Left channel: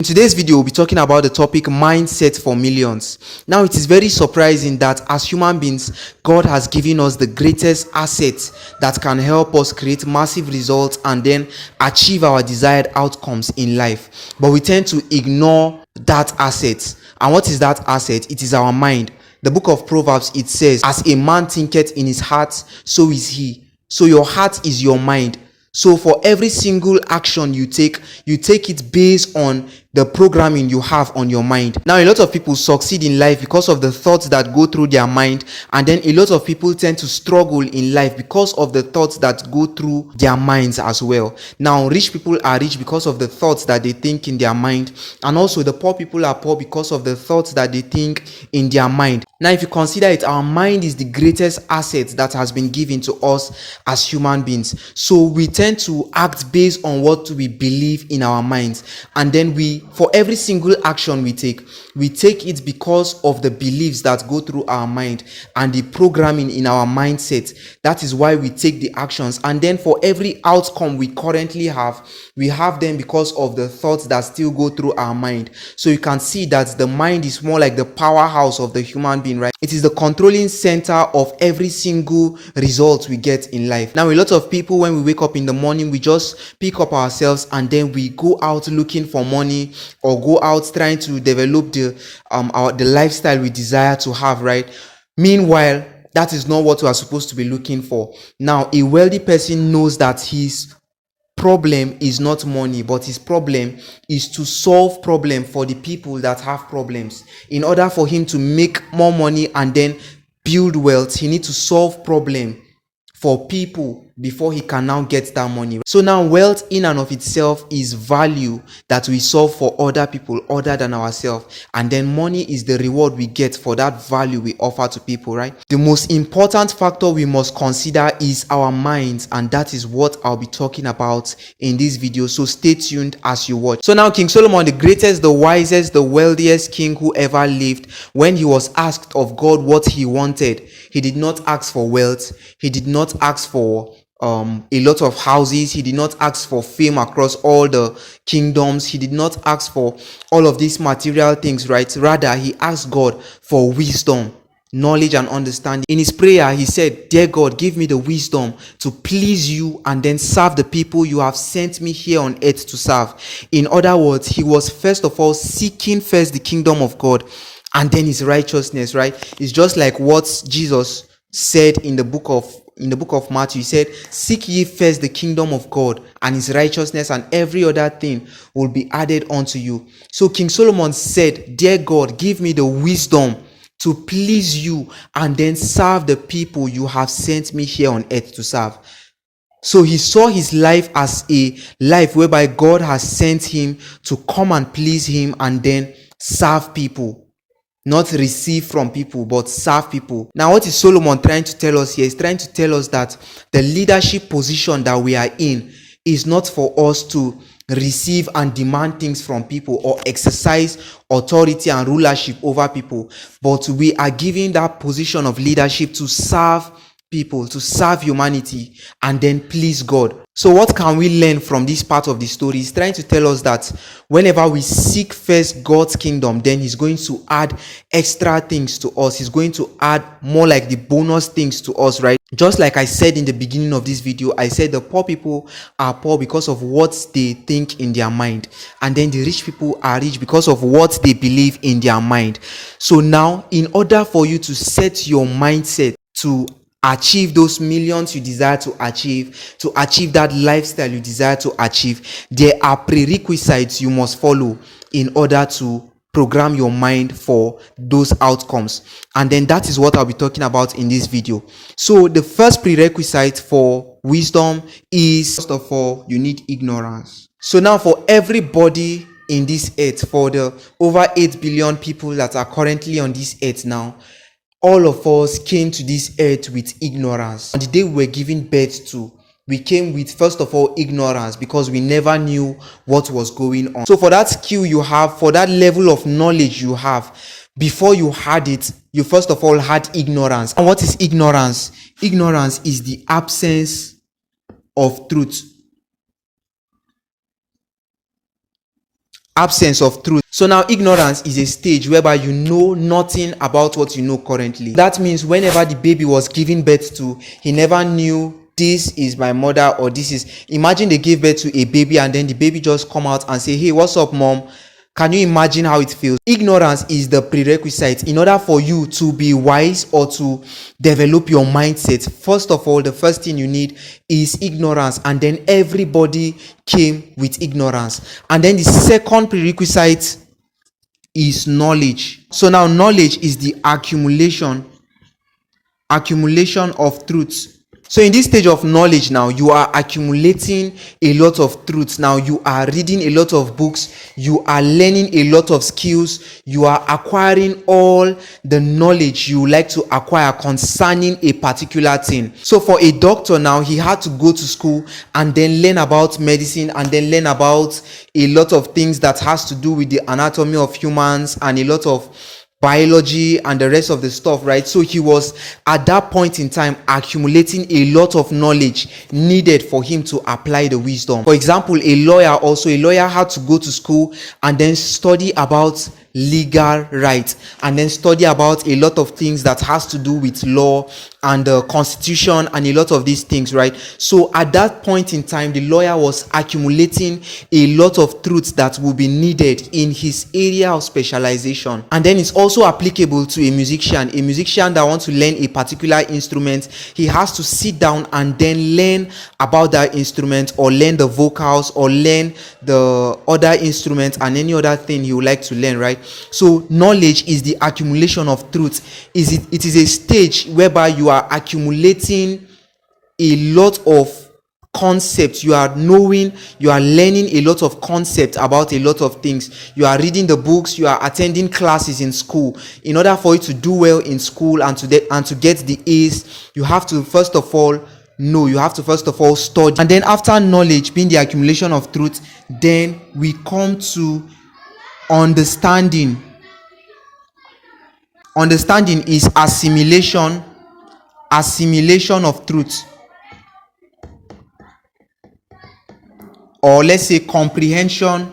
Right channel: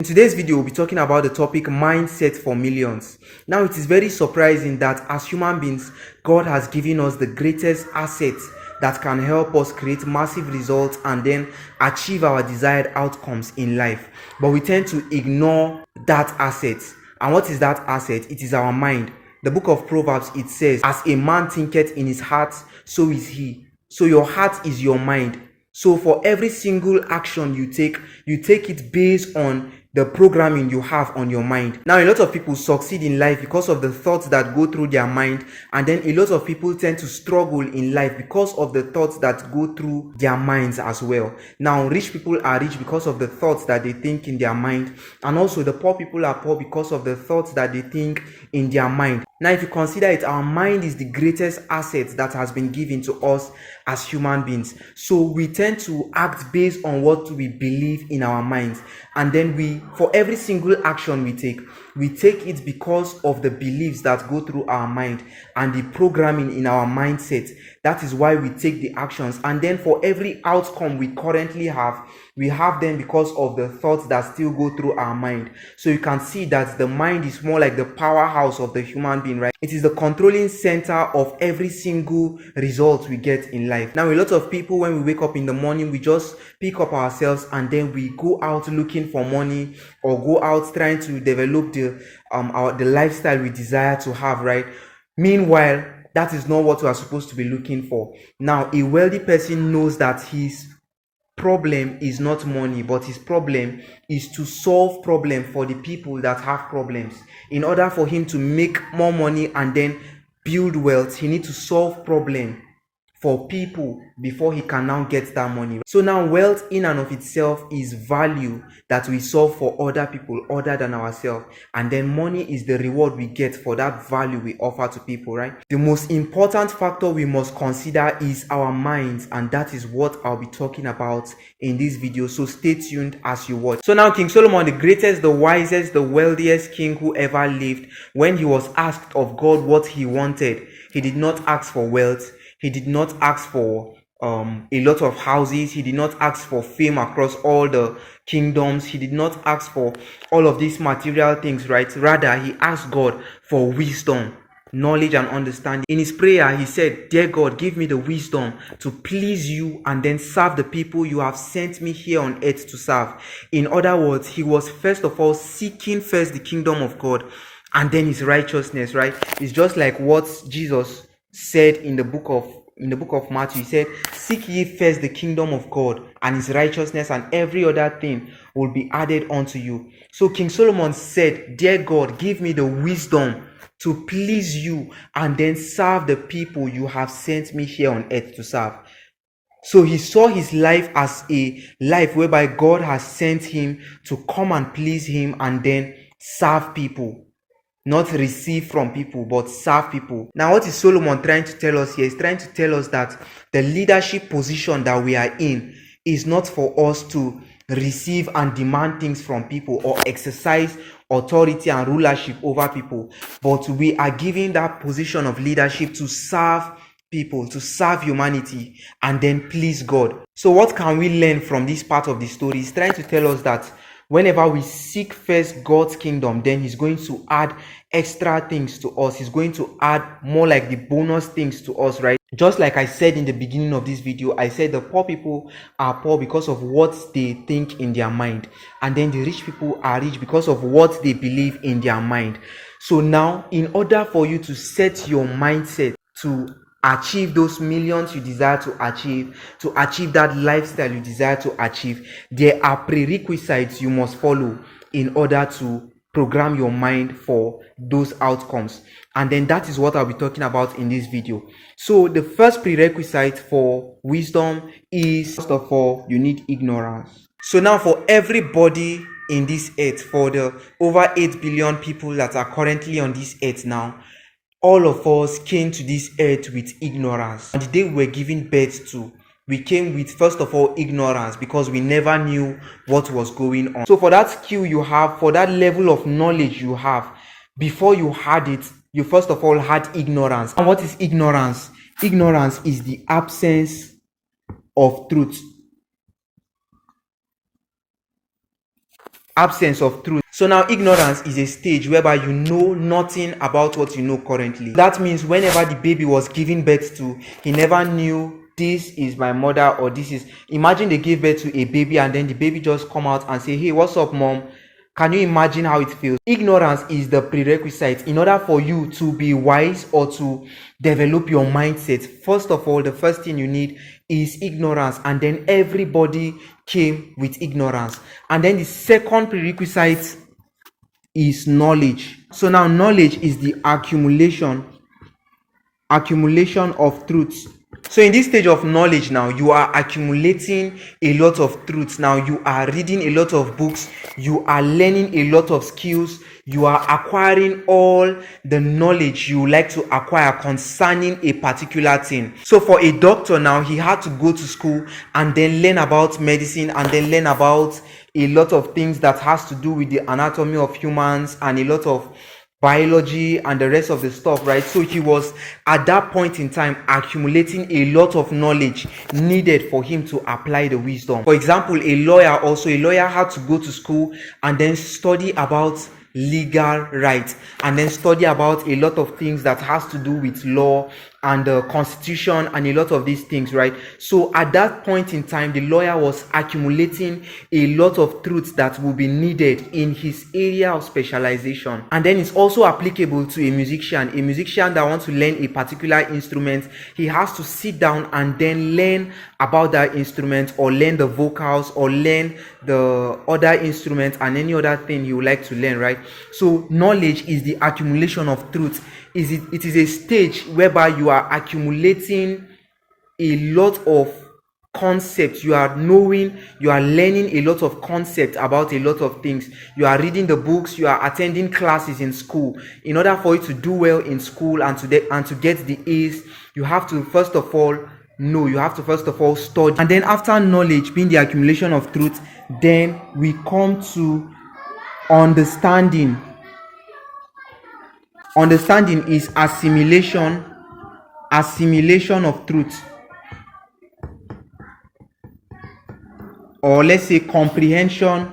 In today's video, we'll be talking about the topic mindset for millions. Now, it is very surprising that as human beings, God has given us the greatest asset that can help us create massive results and then achieve our desired outcomes in life. But we tend to ignore that asset. And what is that asset? It is our mind. The book of Proverbs, it says, as a man thinketh in his heart, so is he. So your heart is your mind. So for every single action you take it based on the programming you have on your mind. Now, a lot of people succeed in life because of the thoughts that go through their mind, and then a lot of people tend to struggle in life because of the thoughts that go through their minds as well. Now, rich people are rich because of the thoughts that they think in their mind, and also the poor people are poor because of the thoughts that they think in their mind. Now, if you consider it, our mind is the greatest asset that has been given to us as human beings. So we tend to act based on what we believe in our minds, and then for every single action we take it because of the beliefs that go through our mind and the programming in our mindset. That is why we take the actions, and then for every outcome we currently have, we have them because of the thoughts that still go through our mind. So you can see that the mind is more like the powerhouse of the human being, right? It is the controlling center of every single result we get in life. Now, a lot of people, when we wake up in the morning, we just pick up ourselves and then we go out looking for money, or go out trying to develop the lifestyle we desire to have, right? Meanwhile, that is not what we are supposed to be looking for. Now, a wealthy person knows that his problem is not money, but his problem is to solve problem for the people that have problems. In order for him to make more money and then build wealth, he needs to solve problem for people before he can now get that money. So now, wealth in and of itself is value that we solve for other people other than ourselves, and then money is the reward we get for that value we offer to people, right? The most important factor we must consider is our minds, and that is what I'll be talking about in this video. So stay tuned as you watch. So now, King Solomon, the greatest, the wisest, the wealthiest king who ever lived, when he was asked of God what he wanted, he did not ask for wealth. He did not ask for a lot of houses. He did not ask for fame across all the kingdoms. He did not ask for all of these material things, right? Rather, he asked God for wisdom, knowledge, and understanding. In his prayer, he said, "Dear God, give me the wisdom to please you and then serve the people you have sent me here on earth to serve." In other words, he was first of all seeking first the kingdom of God and then his righteousness, right? It's just like what Jesus said in the book of Matthew. He said, "Seek ye first the kingdom of God and his righteousness, and every other thing will be added unto you." So King Solomon said, "Dear God, give me the wisdom to please you and then serve the people you have sent me here on earth to serve." So he saw his life as a life whereby God has sent him to come and please him and then serve people. Not receive from people, but serve people. Now, what is Solomon trying to tell us here? He's trying to tell us that the leadership position that we are in is not for us to receive and demand things from people or exercise authority and rulership over people, but we are given that position of leadership to serve people, to serve humanity, and then please God. So what can we learn from this part of the story? He's trying to tell us that whenever we seek first God's kingdom, then he's going to add extra things to us. He's going to add more like the bonus things to us, right? Just like I said in the beginning of this video, I said the poor people are poor because of what they think in their mind, and then the rich people are rich because of what they believe in their mind. So now, in order for you to set your mindset to achieve those millions you desire to achieve that lifestyle you desire to achieve, there are prerequisites you must follow in order to program your mind for those outcomes. And then that is what I'll be talking about in this video. So the first prerequisite for wisdom is, first of all, you need ignorance. So now, for everybody in this earth, for the over 8 billion people that are currently on this earth now, all of us came to this earth with ignorance. On the day we were giving birth to, we came with, first of all, ignorance, because we never knew what was going on. So for that skill you have, for that level of knowledge you have, before you had it, you first of all had ignorance. And what is ignorance? Ignorance is the absence of truth. absence of truth. So now ignorance is a stage whereby you know nothing about what you know currently. That means whenever the baby was given birth to, he never knew this is my mother, or this is, imagine they gave birth to a baby and then the baby just come out and say, hey, what's up, mom? Can you imagine how it feels? Ignorance is the prerequisite in order for you to be wise or to develop your mindset. First of all, the first thing you need is ignorance, and then everybody came with ignorance. And then the second prerequisite is knowledge. So now knowledge is the accumulation of truths. So in this stage of knowledge now, you are accumulating a lot of truths. Now you are reading a lot of books, you are learning a lot of skills, you are acquiring all the knowledge you like to acquire concerning a particular thing. So for a doctor now, he had to go to school and then learn about medicine, and then learn about a lot of things that has to do with the anatomy of humans and a lot of biology and the rest of the stuff, right? So he was at that point in time accumulating a lot of knowledge needed for him to apply the wisdom. For example, a lawyer had to go to school and then study about legal rights, and then study about a lot of things that has to do with law and the constitution and a lot of these things, right? So at that point in time, the lawyer was accumulating a lot of truths that will be needed in his area of specialization. And then it's also applicable to a musician that wants to learn a particular instrument. He has to sit down and then learn about that instrument, or learn the vocals, or learn the other instruments and any other thing he would like to learn, right? So knowledge is the accumulation of truth. It is a stage whereby you are accumulating a lot of concepts. You are learning a lot of concepts about a lot of things. You are reading the books, you are attending classes in school. In order for you to do well in school and to get the A's, you have to first of all study. And then after knowledge being the accumulation of truth, then we come to understanding. Understanding is assimilation of truth, or let's say comprehension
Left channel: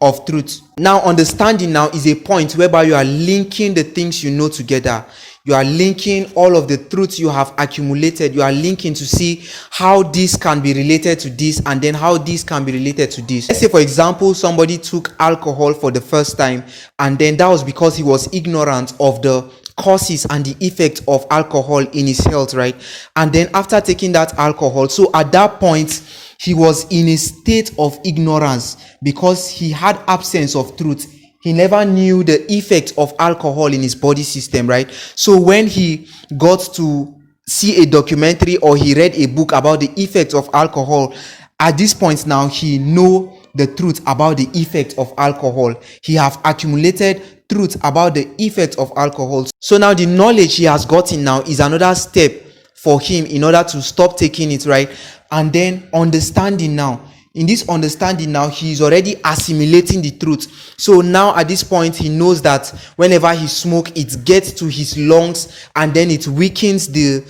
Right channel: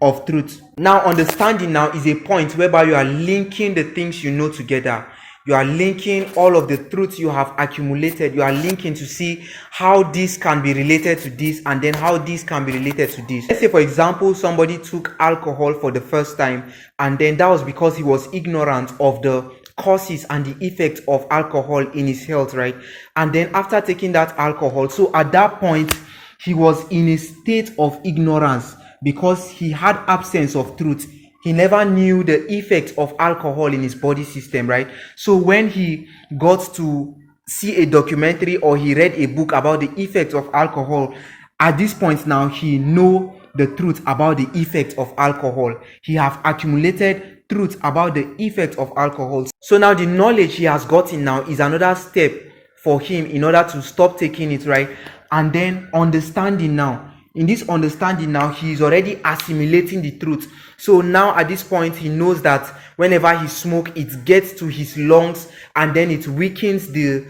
of truth. Now understanding now is a point whereby you are linking the things you know together. You are linking all of the truths you have accumulated. You are linking to see how this can be related to this, and then how this can be related to this. Let's say, for example, somebody took alcohol for the first time, and then that was because he was ignorant of the causes and the effects of alcohol in his health, right? And then after taking that alcohol, so at that point, he was in a state of ignorance because he had absence of truth. He never knew the effect of alcohol in his body system, right? So when he got to see a documentary or he read a book about the effects of alcohol, at this point now he know the truth about the effect of alcohol. He have accumulated truth about the effect of alcohol. So now the knowledge he has gotten now is another step for him in order to stop taking it, right? And then understanding now. In this understanding now, he is already assimilating the truth. So now at this point, he knows that whenever he smokes, it gets to his lungs, and then it weakens the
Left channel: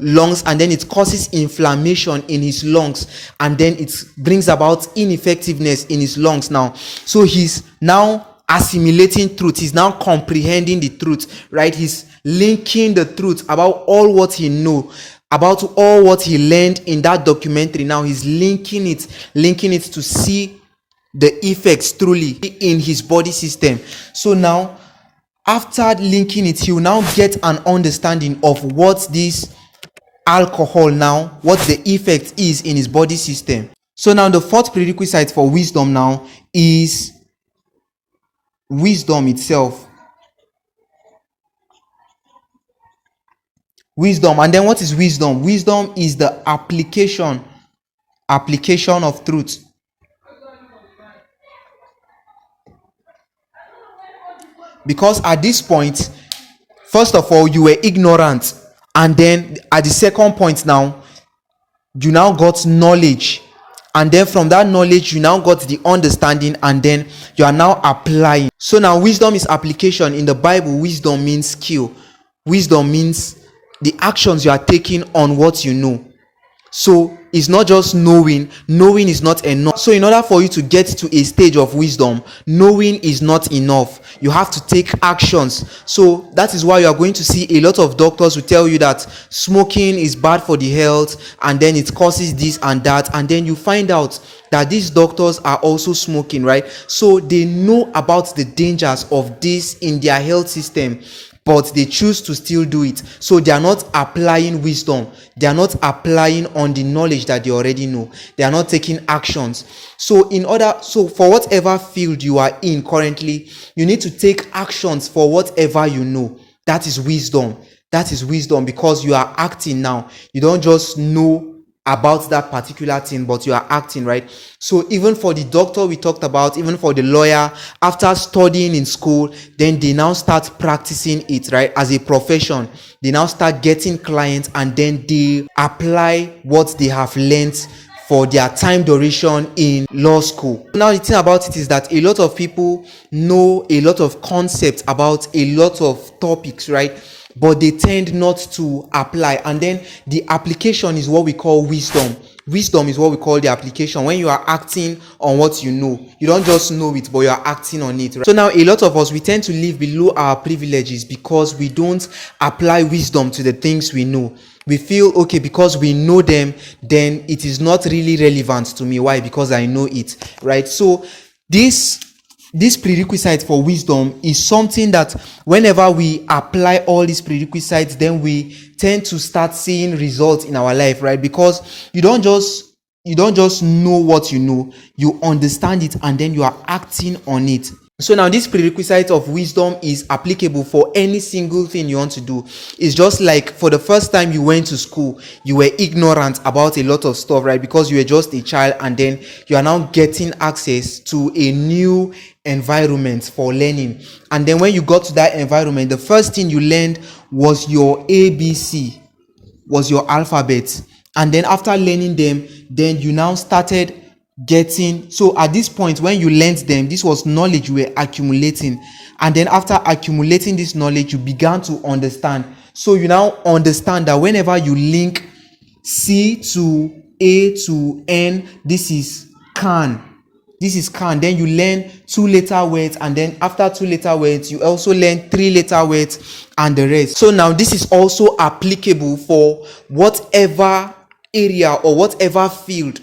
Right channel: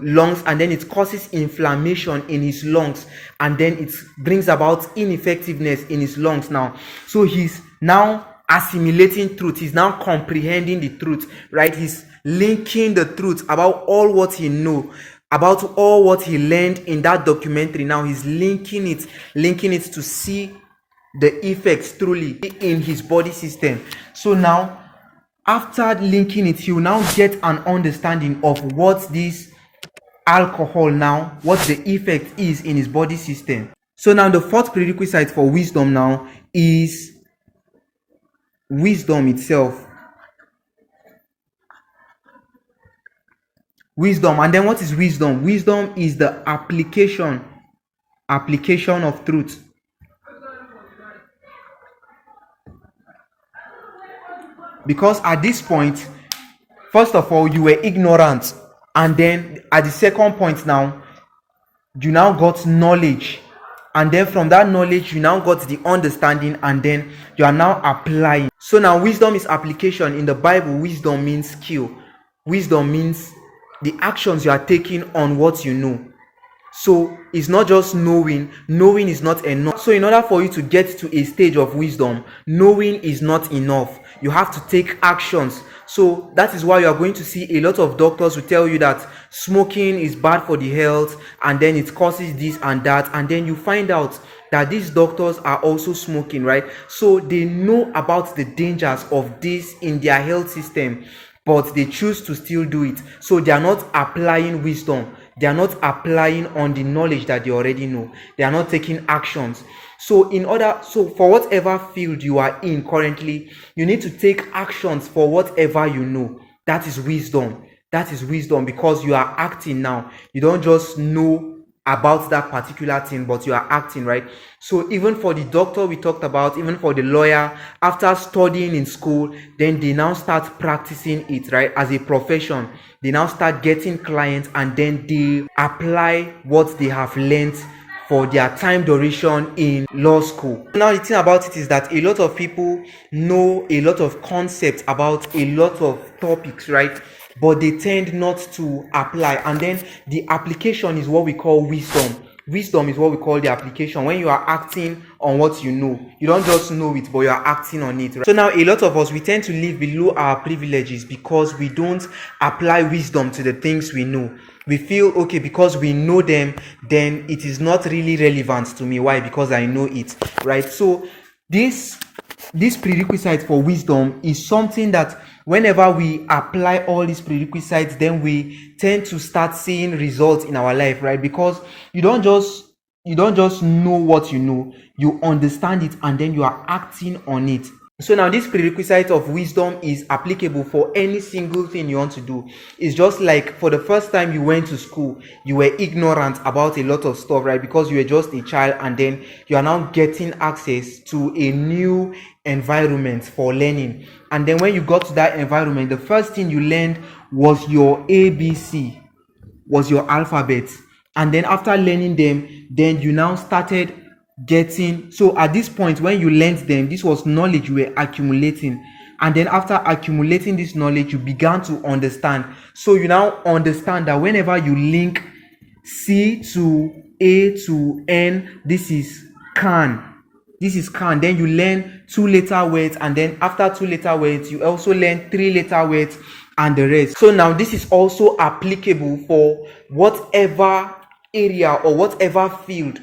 lungs, and then it causes inflammation in his lungs, and then it brings about ineffectiveness in his lungs now. So he's now assimilating truth. He's now comprehending the truth, right? He's linking the truth about all what he knows, about all what he learned in that documentary. Now he's linking it to see the effects truly in his body system. So now after linking it, he will now get an understanding of what this alcohol now, what the effect is in his body system. So now the fourth prerequisite for wisdom now is wisdom itself. Wisdom. And then what is wisdom? Wisdom is the application of truth. Because at this point, first of all, you were ignorant, and then at the second point now, you now got knowledge, and then from that knowledge you now got the understanding, and then you are now applying. So now wisdom is application. In the Bible, wisdom means skill. Wisdom means the actions you are taking on what you know. So it's not just knowing is not enough. So in order for you to get to a stage of wisdom, knowing is not enough. You have to take actions. So that is why you are going to see a lot of doctors who tell you that smoking is bad for the health, and then it causes this and that, and then you find out that these doctors are also smoking, right? So they know about the dangers of this in their health system, but they choose to still do it. So they are not applying wisdom. They are not applying on the knowledge that they already know. They are not taking actions. So for whatever field you are in currently, you need to take actions for whatever you know. That is wisdom. That is wisdom, because you are acting now. You don't just know about that particular thing, but you are acting, right? So even for the doctor we talked about, even for the lawyer, after studying in school, then they now start practicing it, right, as a profession. They now start getting clients, and then they apply what they have learned for their time duration in law school. Now the thing about it is that a lot of people know a lot of concepts about a lot of topics, right, but they tend not to apply. And then the application is what we call wisdom. Wisdom is what we call the application, when you are acting on what you know. You don't just know it, but you are acting on it, right? So now a lot of us, we tend to live below our privileges because we don't apply wisdom to the things we know. We feel, okay, because we know them, then it is not really relevant to me. Why? Because I know it, right? So this prerequisite for wisdom is something that whenever we apply all these prerequisites, then we tend to start seeing results in our life, right? Because you don't just know what you know, you understand it, and then you are acting on it. So now this prerequisite of wisdom is applicable for any single thing you want to do. It's just like for the first time you went to school, you were ignorant about a lot of stuff, right? Because you were just a child, and then you are now getting access to a new environment for learning. And then when you got to that environment, the first thing you learned was your ABC, was your alphabet. And then after learning them, then you now started getting, so at this point when you learned them, this was knowledge you were accumulating. And then after accumulating this knowledge, you began to understand. So you now understand that whenever you link C to A to N, this is can. Then you learn 2-letter words, and then after 2-letter words, you also learn 3-letter words and the rest. So now this is also applicable for whatever area or whatever field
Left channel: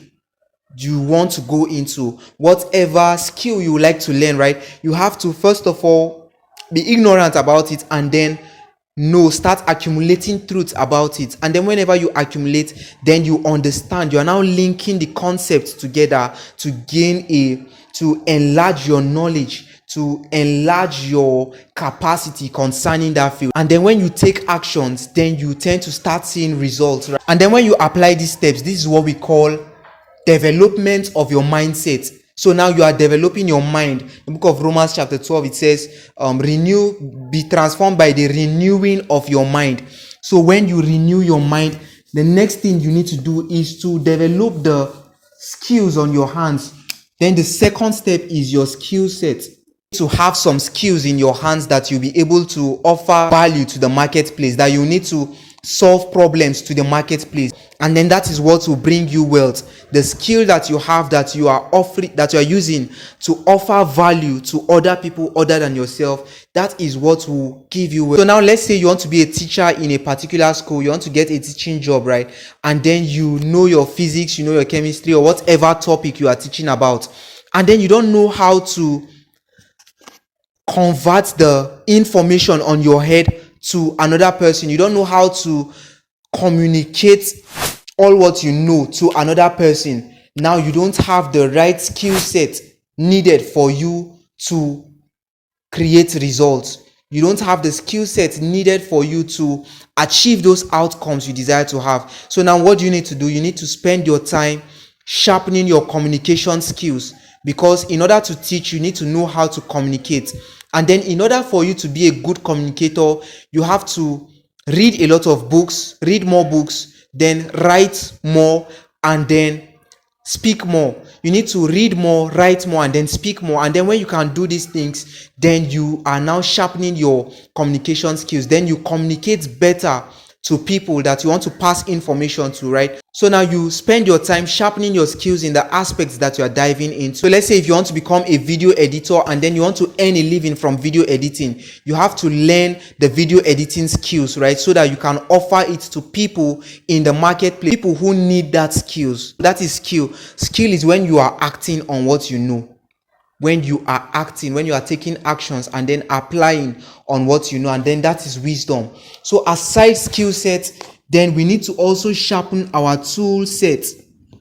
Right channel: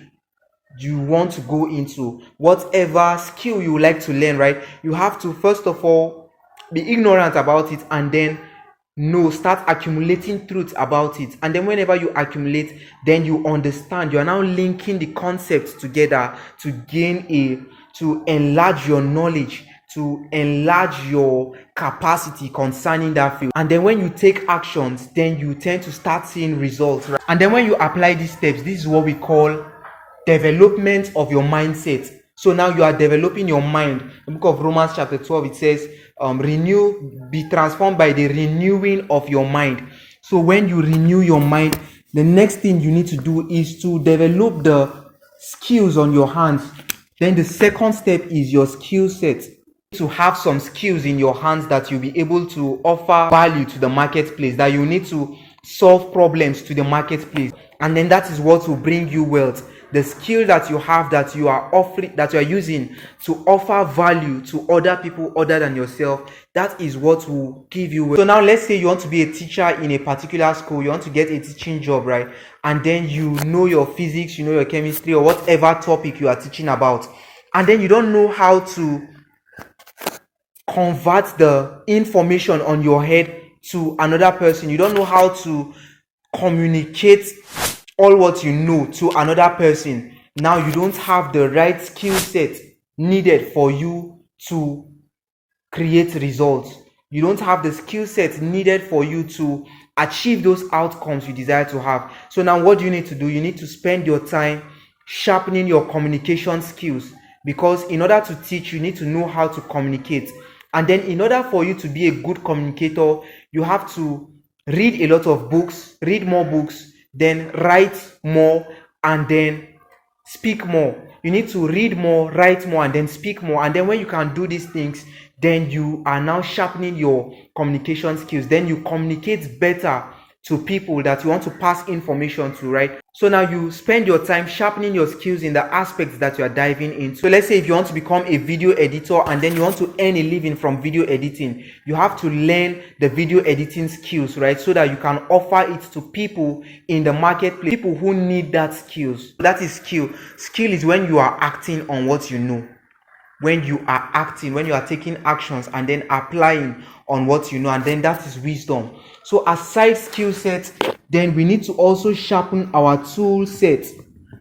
you want to go into, whatever skill you like to learn, right? You have to first of all be ignorant about it, and then start accumulating truth about it. And then whenever you accumulate, then you understand. You are now linking the concepts together to enlarge your knowledge, to enlarge your capacity concerning that field. And then when you take actions, then you tend to start seeing results, right? And then when you apply these steps, this is what we call development of your mindset. So now you are developing your mind. In the book of Romans chapter 12, it says, be transformed by the renewing of your mind. So when you renew your mind, the next thing you need to do is to develop the skills on your hands. Then the second step is your skill set. To have some skills in your hands that you'll be able to offer value to the marketplace, that you need to solve problems to the marketplace. And then that is what will bring you wealth. The skill that you have, that you are offering, that you are using to offer value to other people other than yourself, that is what will give you wealth. So now let's say you want to be a teacher in a particular school, you want to get a teaching job, right? And then you know your physics, you know your chemistry, or whatever topic you are teaching about, and then you don't know how to convert the information on your head to another person. You don't know how to communicate all what you know to another person. Now you don't have the right skill set needed for you to create results. You don't have the skill set needed for you to achieve those outcomes you desire to have. So now what do you need to do? You need to spend your time sharpening your communication skills, because in order to teach, you need to know how to communicate. And then in order for you to be a good communicator, you have to read a lot of books, read more books, then write more, and then speak more. You need to read more, write more, and then speak more. And then when you can do these things, then you are now sharpening your communication skills. Then you communicate better to people that you want to pass information to, right? So now you spend your time sharpening your skills in the aspects that you are diving into. So let's say if you want to become a video editor and then you want to earn a living from video editing, you have to learn the video editing skills, right? So that you can offer it to people in the marketplace, people who need that skills. That is skill. Skill is when you are acting on what you know. When you are acting, when you are taking actions and then applying on what you know, and then that is wisdom. So aside skill sets, then we need to also sharpen our tool set.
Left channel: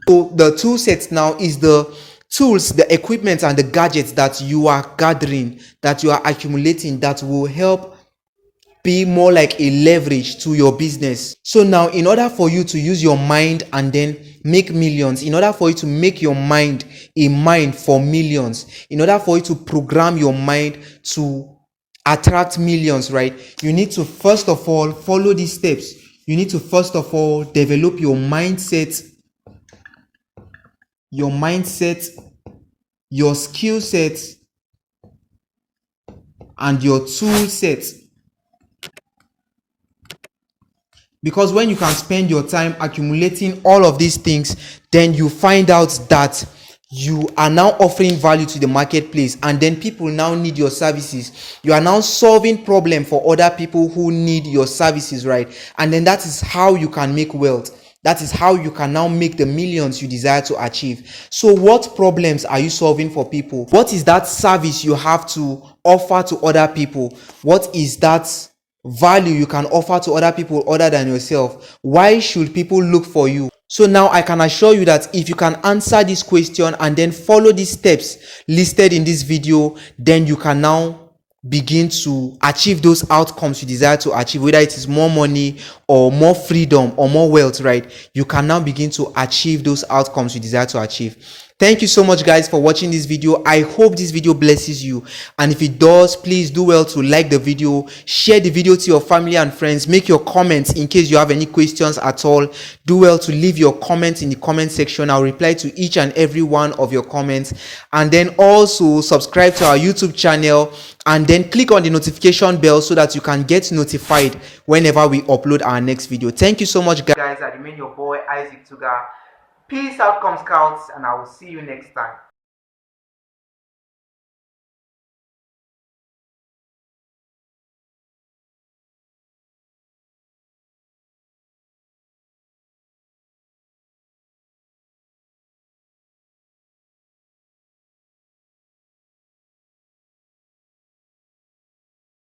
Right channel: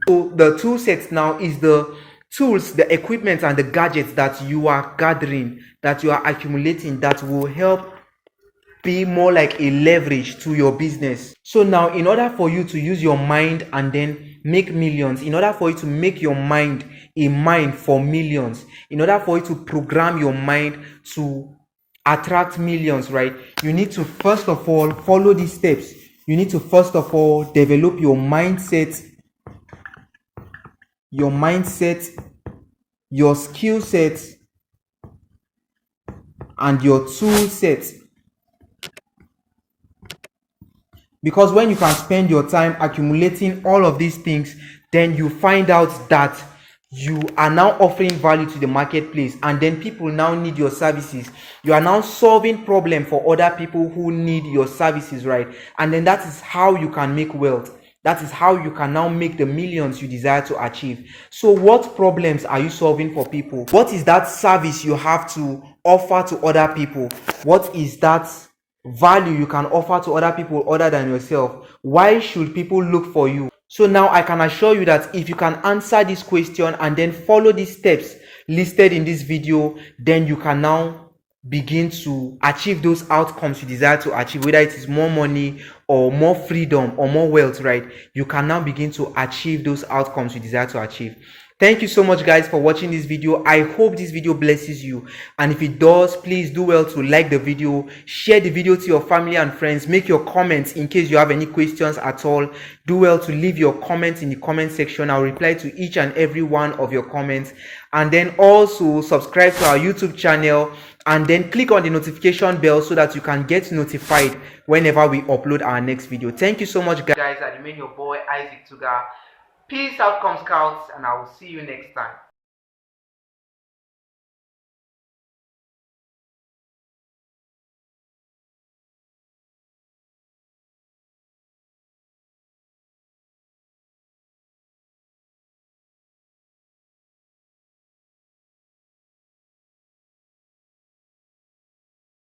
So the tool set now is the tools, the equipment and the gadgets that you are gathering, that you are accumulating, that will help be more like a leverage to your business. So now, in order for you to use your mind and then make millions, in order for you to make your mind a mind for millions, in order for you to program your mind to attract millions, right? You need to first of all follow these steps. You need to first of all develop your mindset, your skill set, and your tool set. Because when you can spend your time accumulating all of these things, then you find out that you are now offering value to the marketplace, and then people now need your services. You are now solving problem for other people who need your services, right? And then that is how you can make wealth. That is how you can now make the millions you desire to achieve. So what problems are you solving for people? What is that service you have to offer to other people? What is that value you can offer to other people other than yourself? Why should people look for you? So now I can assure you that if you can answer this question and then follow these steps listed in this video, then you can now begin to achieve those outcomes you desire to achieve, whether it is more money or more freedom or more wealth, right? You can now begin to achieve those outcomes you desire to achieve. Thank you so much, guys, for watching this video. I hope this video blesses you, and if it does, please do well to like the video, share the video to your family and friends, make your comments in case you have any questions at all. Do well to leave your comments in the comment section. I'll reply to each and every one of your comments, and then also subscribe to our YouTube channel, and then click on the notification bell so that you can get notified whenever we upload our next video. Thank you so much, guys. I remain your boy Isaac Tuga. Peace out, Scouts, and I will see you next time.